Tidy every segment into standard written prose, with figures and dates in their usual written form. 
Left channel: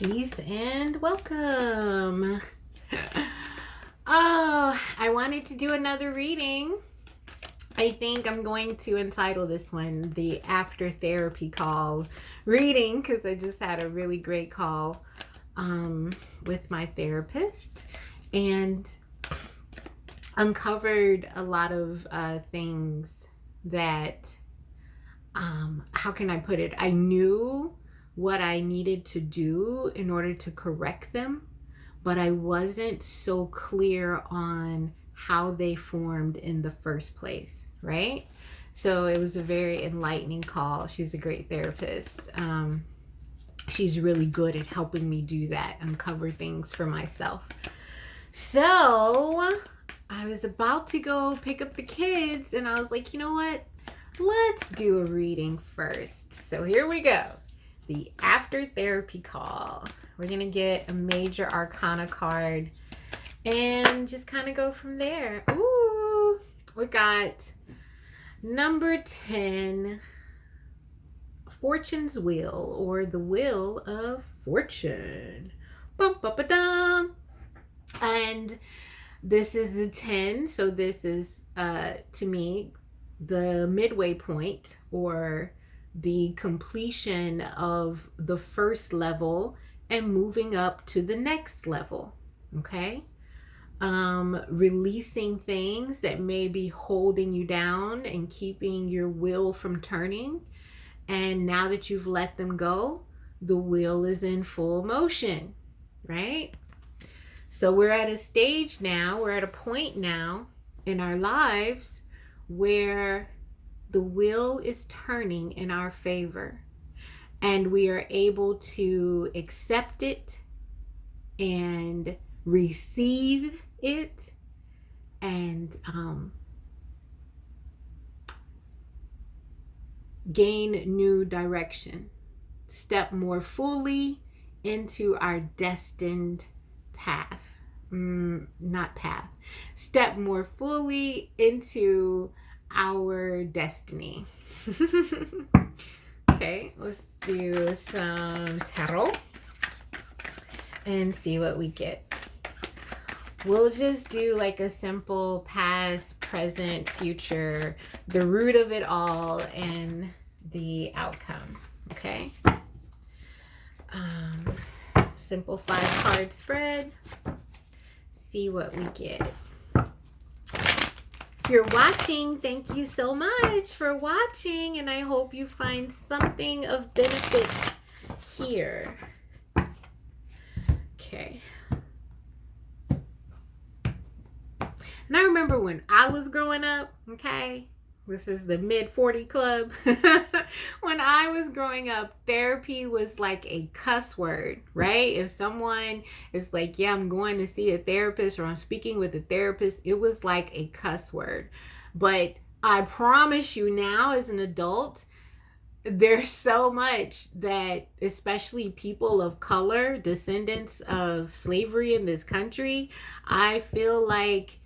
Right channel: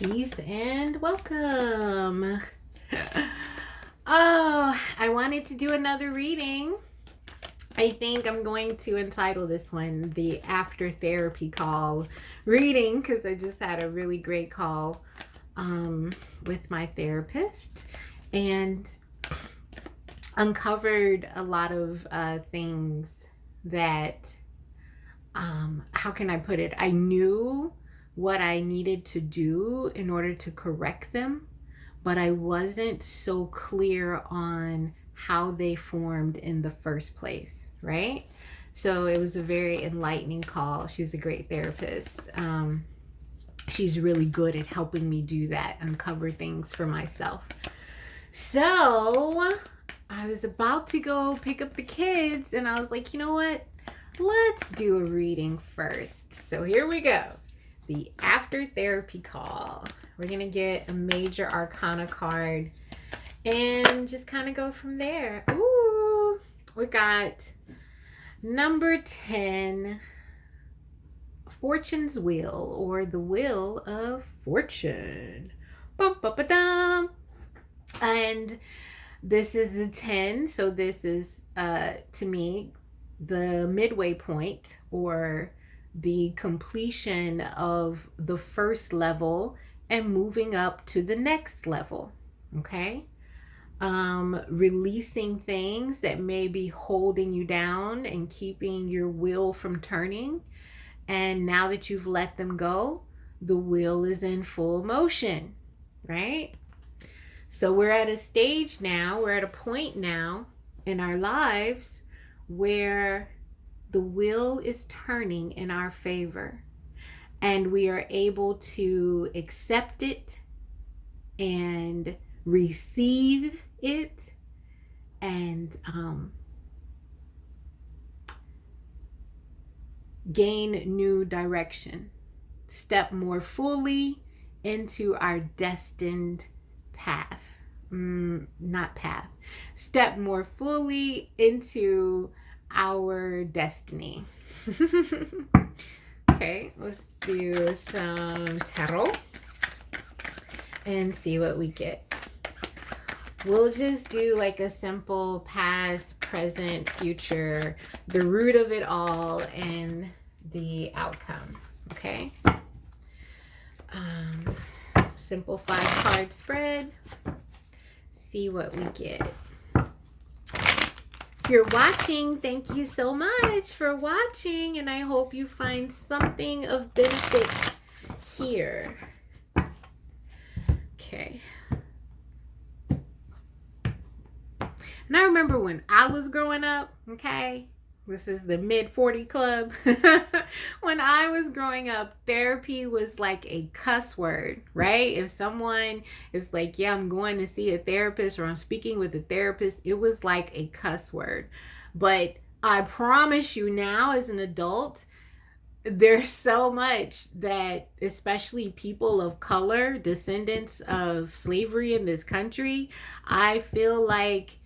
Peace and welcome. Oh, I wanted to do another reading. I think I'm going to entitle this one the After Therapy Call reading because I just had a really great call with my therapist and uncovered a lot of things that, how can I put it? I knew what I needed to do in order to correct them, but I wasn't so clear on how they formed in the first place, right? So it was a very enlightening call. She's a great therapist. She's really good at helping me do that, uncover things for myself. So I was about to go pick up the kids, and I was like, you know what? Let's do a reading first. So here we go. The After Therapy Call. We're going to get a major arcana card and just kind of go from there. Ooh, we got number 10, Fortune's Wheel, or the Wheel of Fortune. Bum, bum, ba, dum. And this is the 10, so this is, to me, the midway point, or the completion of the first level and moving up to the next level. Okay. Releasing things that may be holding you down and keeping your wheel from turning. And now that you've let them go, the wheel is in full motion, right? So we're at a stage now, we're at a point now in our lives where the wheel is turning in our favor, and we are able to accept it and receive it and gain new direction, step more fully into our destined path. Not path. Step more fully into our destiny. Okay, let's do some tarot and see what we get. We'll just do like a simple past, present, future, the root of it all, and the outcome. Okay. Simple 5-card spread. See what we get. If you're watching, thank you so much for watching, and I hope you find something of benefit here. Okay. And I remember when I was growing up, okay, this is the mid-40 club. When I was growing up, therapy was like a cuss word, right? If someone is like, yeah, I'm going to see a therapist, or I'm speaking with a therapist, it was like a cuss word. But I promise you now, as an adult, there's so much that, especially people of color, descendants of slavery in this country, I feel like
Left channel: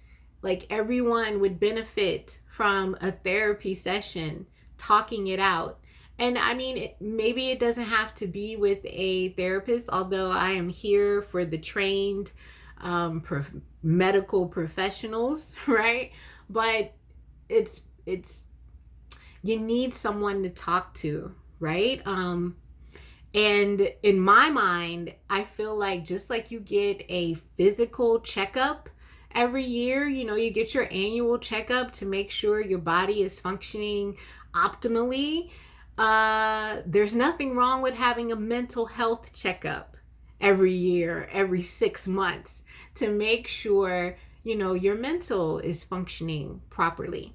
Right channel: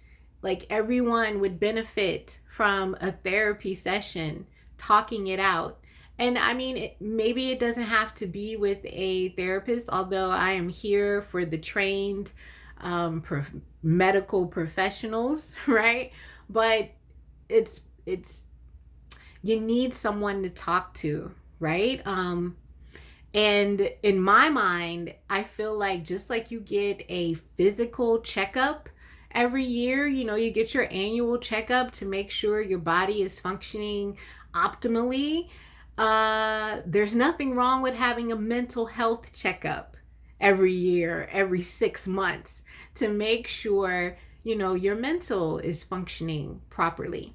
everyone would benefit from a therapy session, talking it out. And I mean, maybe it doesn't have to be with a therapist, although I am here for the trained medical professionals, right? But it's you need someone to talk to, right? And in my mind, I feel like just like you get a physical checkup every year, you know, you get your annual checkup to make sure your body is functioning optimally. There's nothing wrong with having a mental health checkup every year, every 6 months, to make sure, you know, your mental is functioning properly.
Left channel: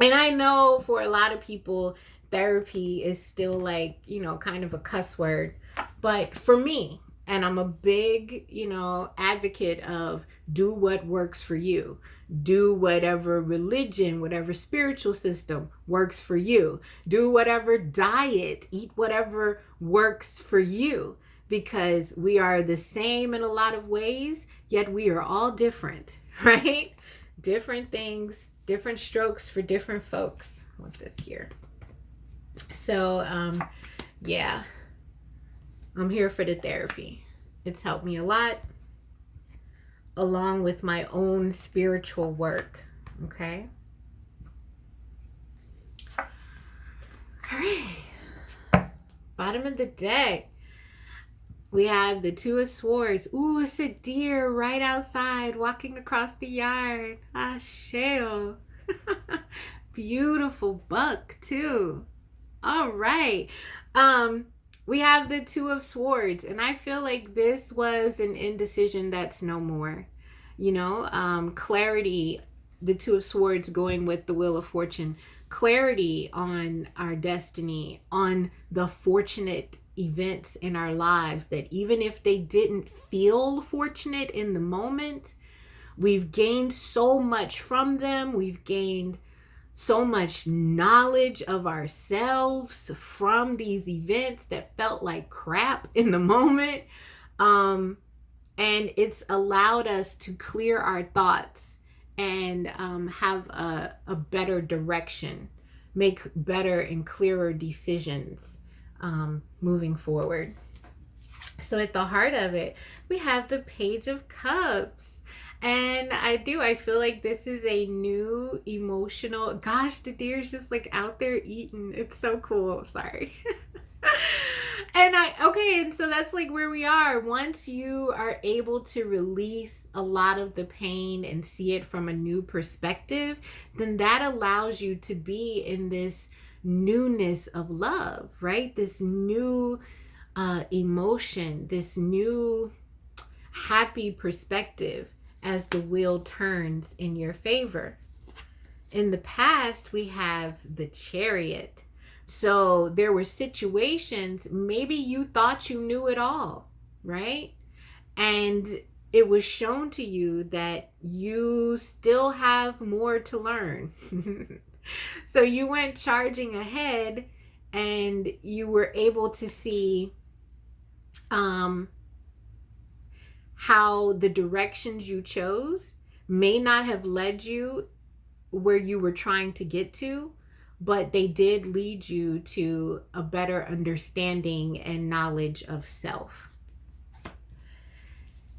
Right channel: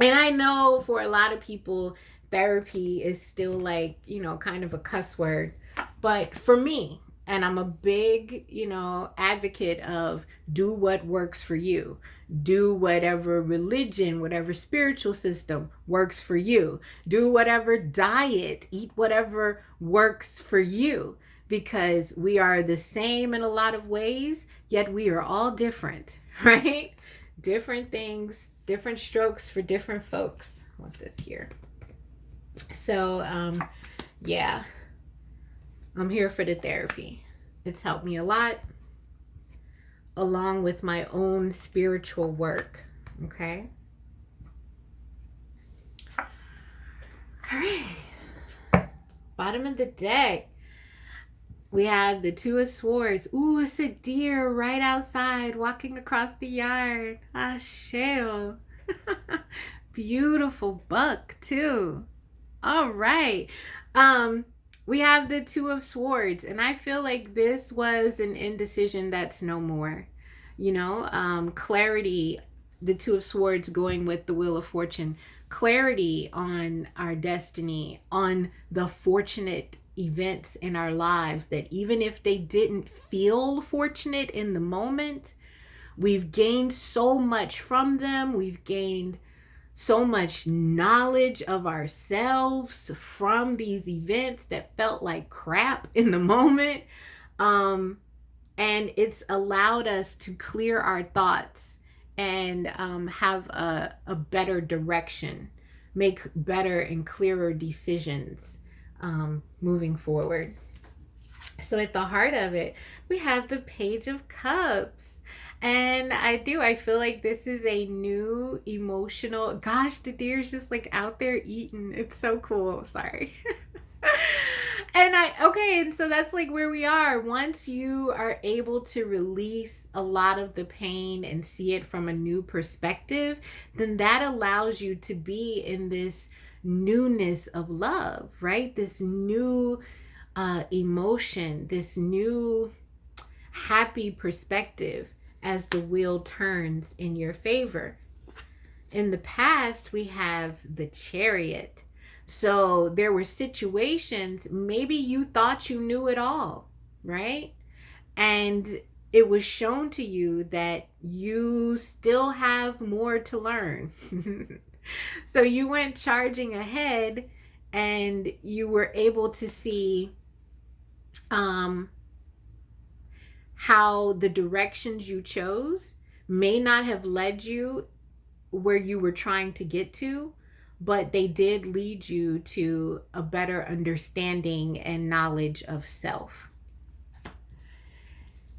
And I know for a lot of people, therapy is still like, you know, kind of a cuss word. But for me, and I'm a big, you know, advocate of do what works for you. Do whatever religion, whatever spiritual system works for you. Do whatever diet, eat whatever works for you. Because we are the same in a lot of ways, yet we are all different, right? Different things, different strokes for different folks. I want this here. So, yeah. I'm here for the therapy. It's helped me a lot, along with my own spiritual work. Okay? All right. Bottom of the deck. We have the Two of Swords. Ooh, it's a deer right outside walking across the yard. Ah, shell. Beautiful buck, too. All right. We have the Two of Swords, and I feel like this was an indecision that's no more. Clarity, the Two of Swords going with the Wheel of Fortune. Clarity on our destiny, on the fortunate events in our lives that even if they didn't feel fortunate in the moment, we've gained so much from them. We've gained so much knowledge of ourselves from these events that felt like crap in the moment. And it's allowed us to clear our thoughts and have a better direction, make better and clearer decisions moving forward. So at the heart of it, we have the Page of Cups. And I feel like this is a new emotional, gosh, the deer's just like out there eating. It's so cool. Sorry. And so that's like where we are. Once you are able to release a lot of the pain and see it from a new perspective, then that allows you to be in this newness of love, right? This new emotion, this new happy perspective as the wheel turns in your favor. In the past, we have the Chariot. So there were situations, maybe you thought you knew it all, right? And it was shown to you that you still have more to learn. So you went charging ahead and you were able to see how the directions you chose may not have led you where you were trying to get to, but they did lead you to a better understanding and knowledge of self.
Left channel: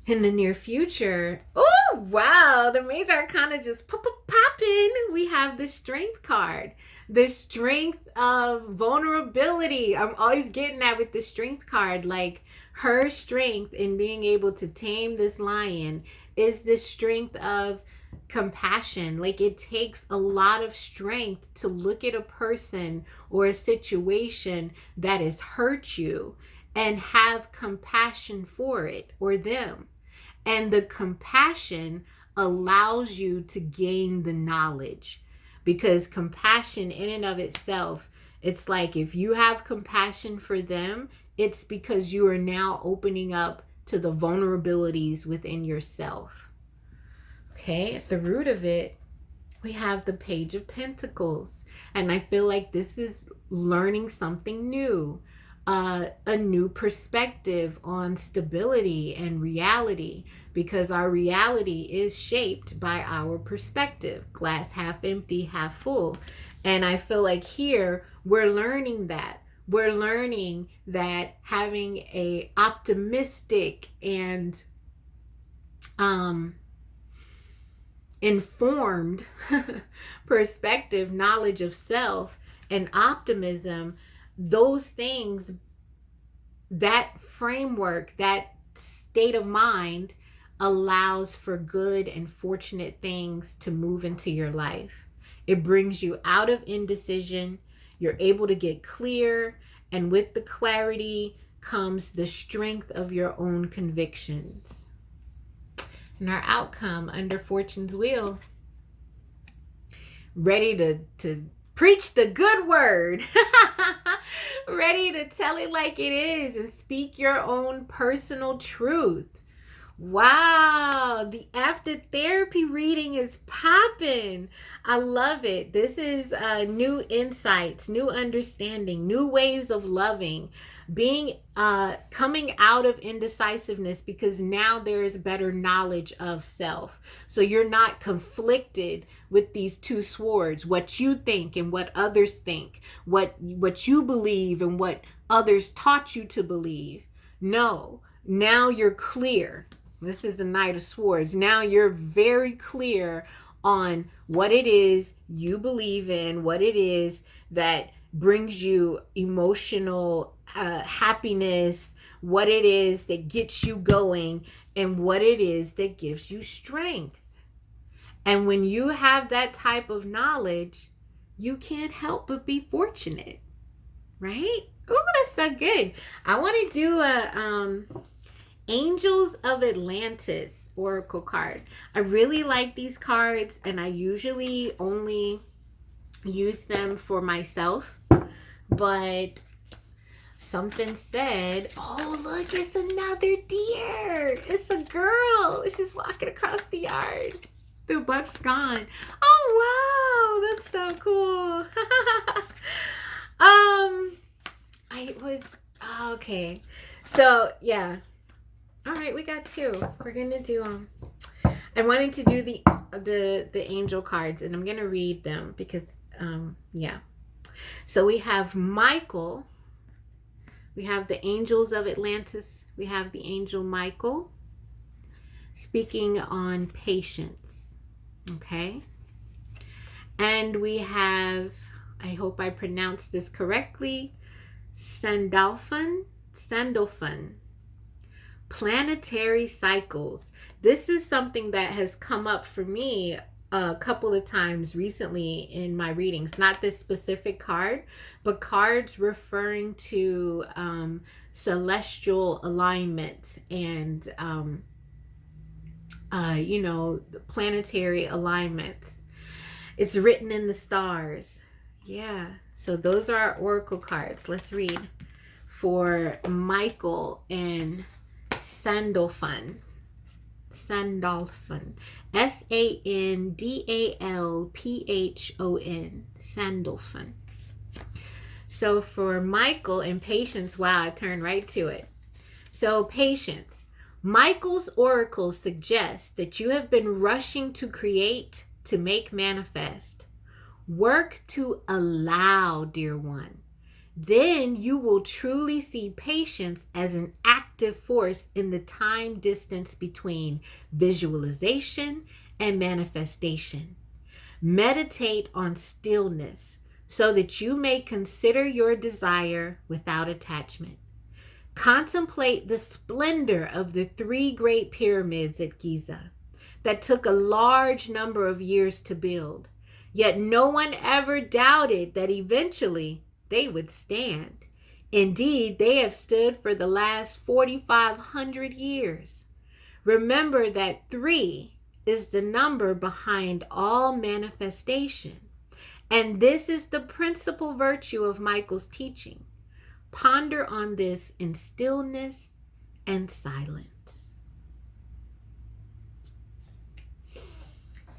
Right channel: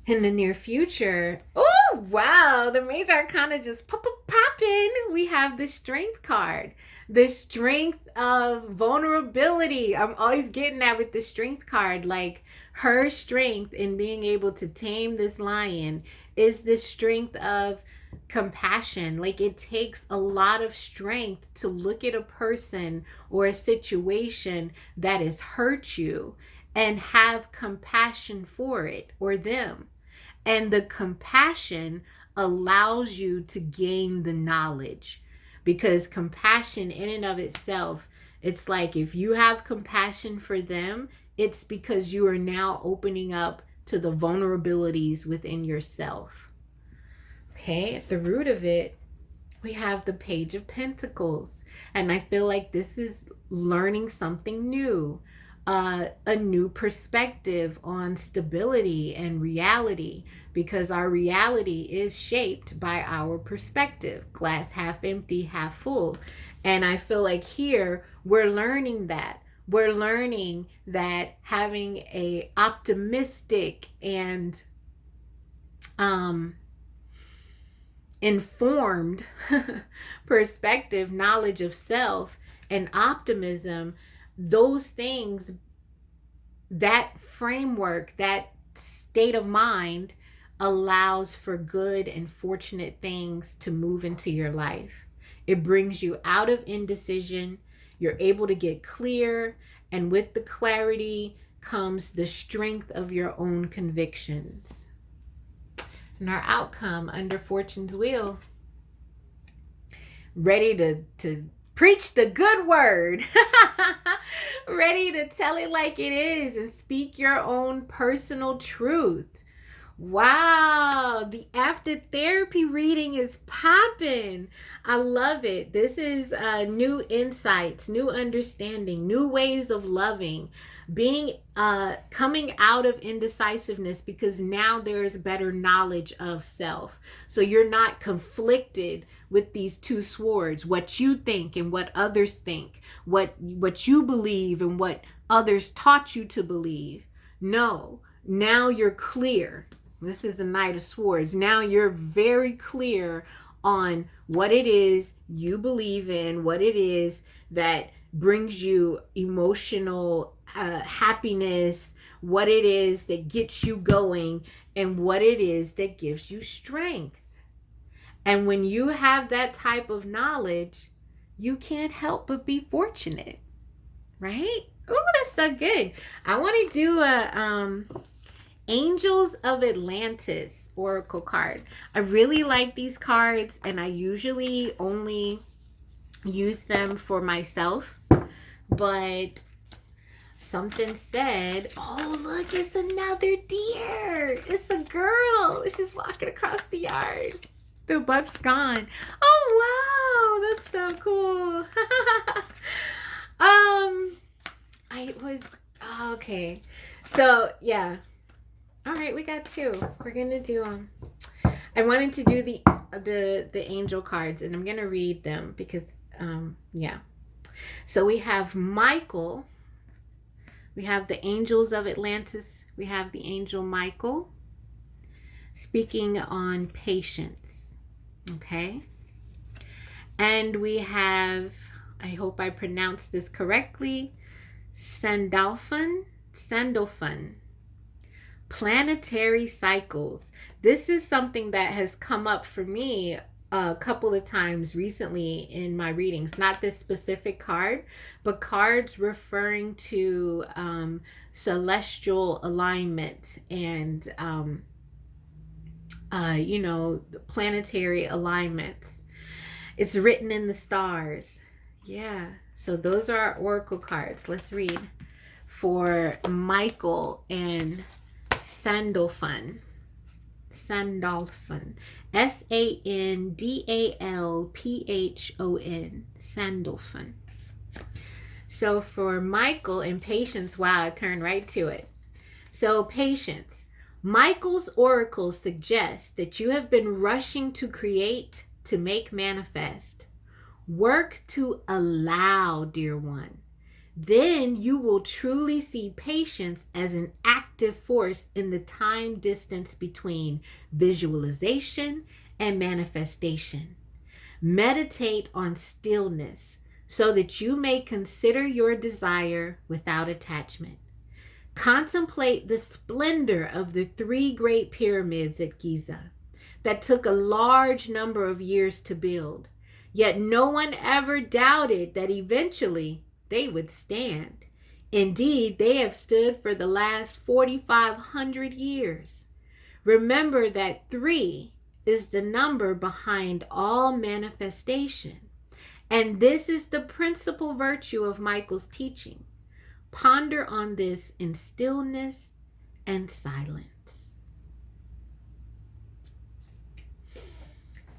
In the near future, oh wow, the major arcana just popping. We have the Strength card, the strength of vulnerability. I'm always getting that with the Strength card. Like, her strength in being able to tame this lion is the strength of compassion. Like, it takes a lot of strength to look at a person or a situation that has hurt you and have compassion for it or them. And the compassion allows you to gain the knowledge, because compassion in and of itself, it's like if you have compassion for them, it's because you are now opening up to the vulnerabilities within yourself. Okay, at the root of it, we have the Page of Pentacles. And I feel like this is learning something new, a new perspective on stability and reality, because our reality is shaped by our perspective. Glass half empty, half full. And I feel like here we're learning that. We're learning that having a optimistic and informed perspective, knowledge of self, and optimism, those things, that framework, that state of mind allows for good and fortunate things to move into your life. It brings you out of indecision. You're able to get clear, and with the clarity comes the strength of your own convictions. And our outcome under Fortune's wheel, ready to preach the good word, ready to tell it like it is and speak your own personal truth. Wow, the after therapy reading is popping. I love it. This is new insights, new understanding, new ways of loving, coming out of indecisiveness, because now there's better knowledge of self. So you're not conflicted with these two swords, what you think and what others think, what you believe and what others taught you to believe. No, now you're clear. This is the Knight of Swords. Now you're very clear on what it is you believe in, what it is that brings you emotional happiness, what it is that gets you going, and what it is that gives you strength. And when you have that type of knowledge, you can't help but be fortunate, right? Oh, that's so good. I want to do a Angels of Atlantis Oracle card. I really like these cards, and I usually only use them for myself, but something said, oh, look, it's another deer. It's a girl. She's walking across the yard. The buck's gone. Oh, wow. That's so cool. I was, okay. So, yeah. All right, we got two. We're going to do, I wanted to do the angel cards, and I'm going to read them because, yeah. So we have Michael. We have the Angels of Atlantis. We have the angel Michael speaking on patience. Okay. And we have, I hope I pronounced this correctly, Sandalphon. Planetary cycles. This is something that has come up for me a couple of times recently in my readings. Not this specific card, but cards referring to celestial alignment and planetary alignments. It's written in the stars. Yeah. So those are our oracle cards. Let's read for Michael and Sandalphon. Sandalphon. Sandalphon. Sandalphon. So for Michael and patience, wow, I turned right to it. So patience. Michael's oracle suggests that you have been rushing to create, to make manifest. Work to allow, dear one. Then you will truly see patience as an active force in the time distance between visualization and manifestation. Meditate on stillness so that you may consider your desire without attachment. Contemplate the splendor of the 3 great pyramids at Giza that took a large number of years to build. Yet no one ever doubted that eventually they would stand. Indeed, they have stood for the last 4,500 years. Remember that 3 is the number behind all manifestation. And this is the principal virtue of Michael's teaching. Ponder on this in stillness and silence.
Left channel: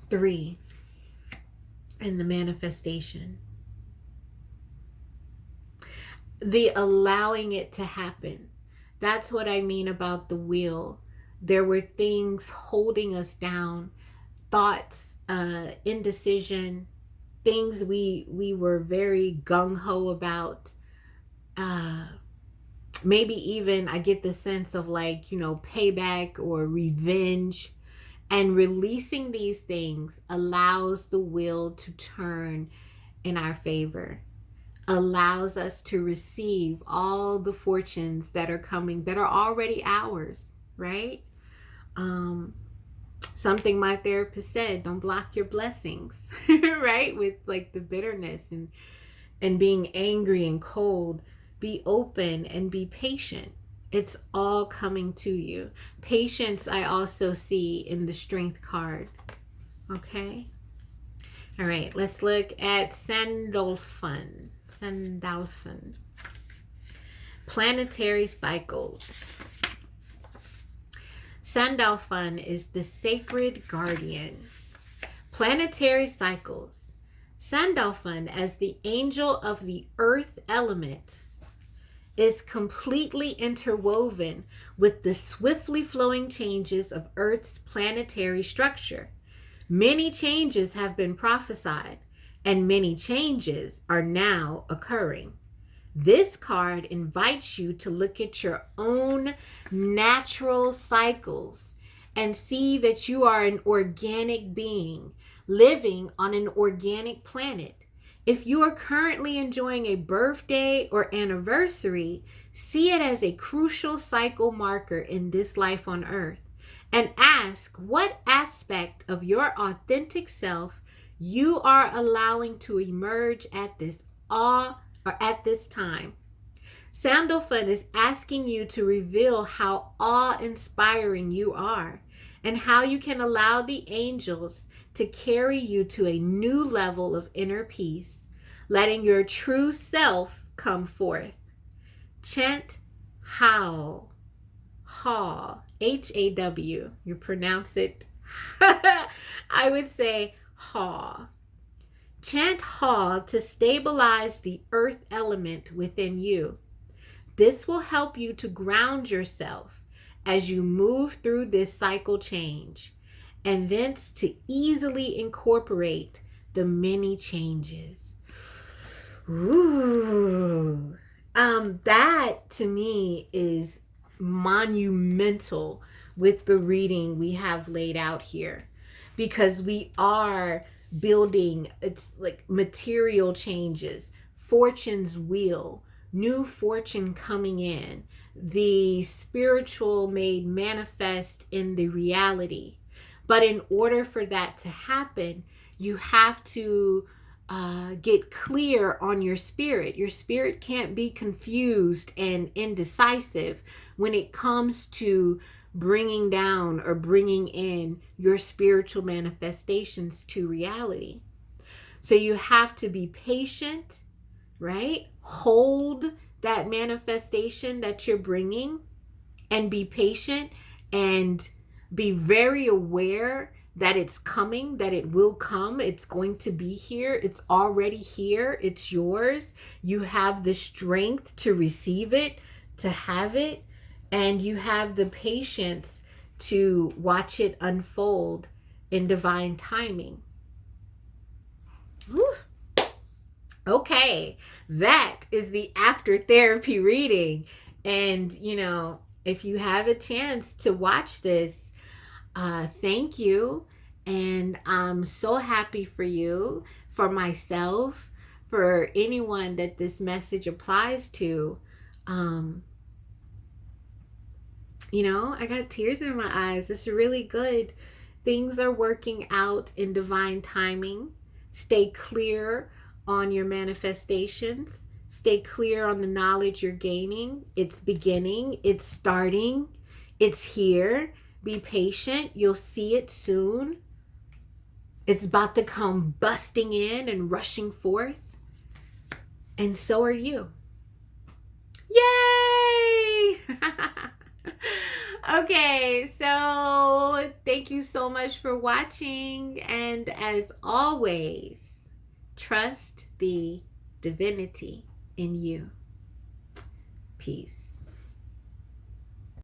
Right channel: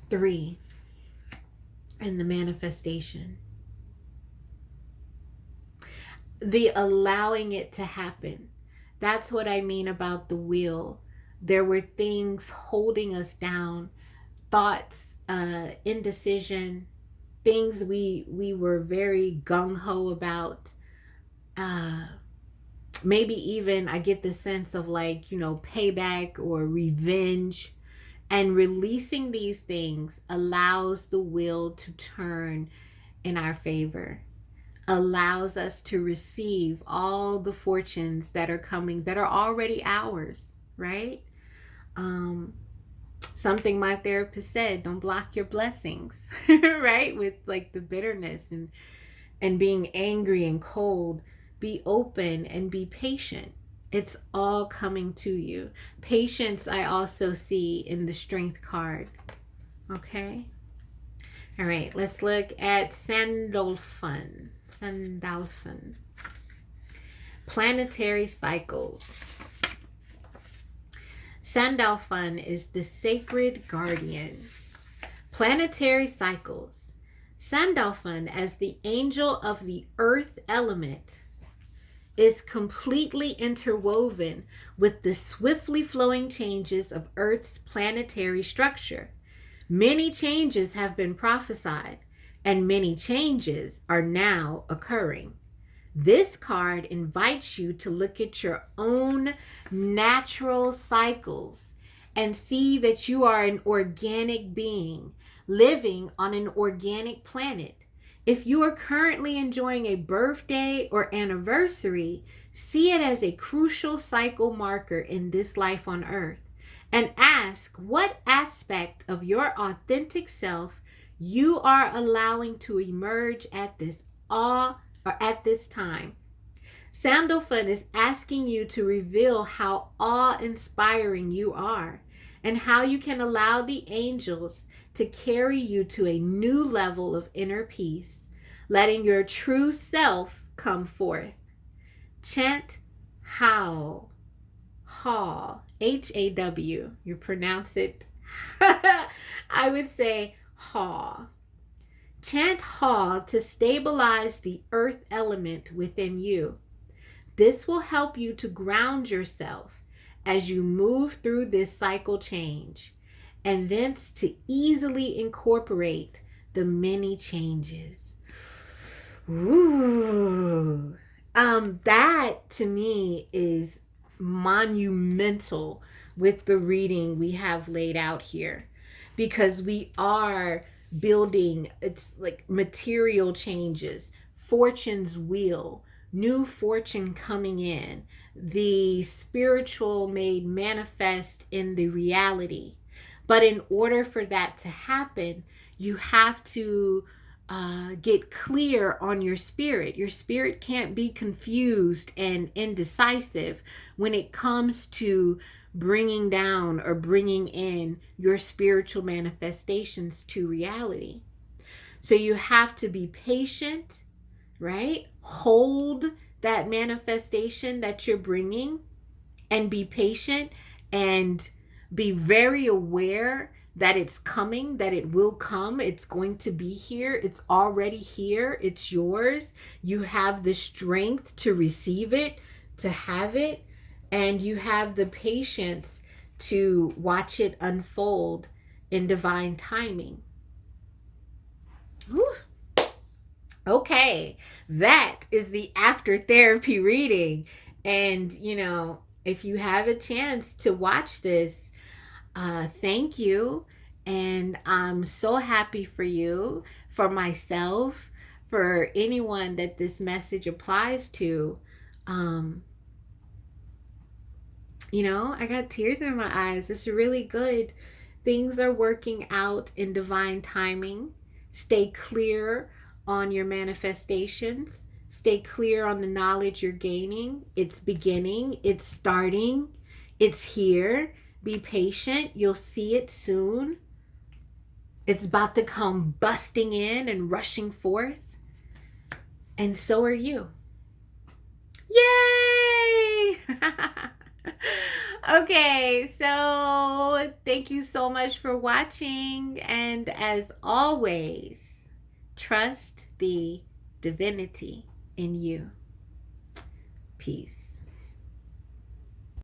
3 in the manifestation. The allowing it to happen. That's what I mean about the wheel. There were things holding us down, thoughts, indecision, things we were very gung-ho about. Maybe even I get the sense of payback or revenge. And releasing these things allows the wheel to turn in our favor. Allows us to receive all the fortunes that are coming, that are already ours, right? Something my therapist said, don't block your blessings, right? With the bitterness and being angry and cold. Be open and be patient. It's all coming to you. Patience I also see in the Strength card. Okay? All right, let's look at Sandalphon. Planetary cycles. Sandalphon is the sacred guardian. Planetary cycles. Sandalphon, as the angel of the earth element, is completely interwoven with the swiftly flowing changes of Earth's planetary structure. Many changes have been prophesied, and many changes are now occurring. This card invites you to look at your own natural cycles and see that you are an organic being living on an organic planet. If you are currently enjoying a birthday or anniversary, see it as a crucial cycle marker in this life on earth and ask what aspect of your authentic self you are allowing to emerge at this time. Sandalphon is asking you to reveal how awe-inspiring you are and how you can allow the angels to carry you to a new level of inner peace, letting your true self come forth. Chant How. Haw. Haw. You pronounce it. I would say Haw. Chant Haw to stabilize the earth element within you. This will help you to ground yourself as you move through this cycle change, and thence to easily incorporate the many changes. Ooh. That to me is monumental with the reading we have laid out here, because we are building, it's like material changes, fortune's wheel, new fortune coming in, the spiritual made manifest in the reality. But in order for that to happen, you have to get clear on your spirit. Your spirit can't be confused and indecisive when it comes to bringing down or bringing in your spiritual manifestations to reality. So you have to be patient, right? Hold that manifestation that you're bringing and be patient and be very aware that it's coming, that it will come, it's going to be here, it's already here, it's yours. You have the strength to receive it, to have it, and you have the patience to watch it unfold in divine timing. Whew. Okay, that is the after therapy reading. And, if you have a chance to watch this, thank you. And I'm so happy for you, for myself, for anyone that this message applies to. I got tears in my eyes. It's really good. Things are working out in divine timing. Stay clear on your manifestations. Stay clear on the knowledge you're gaining. It's beginning. It's starting. It's here. Be patient. You'll see it soon. It's about to come busting in and rushing forth. And so are you. Yay! Okay, so thank you so much for watching. And as always, trust the divinity in you. Peace.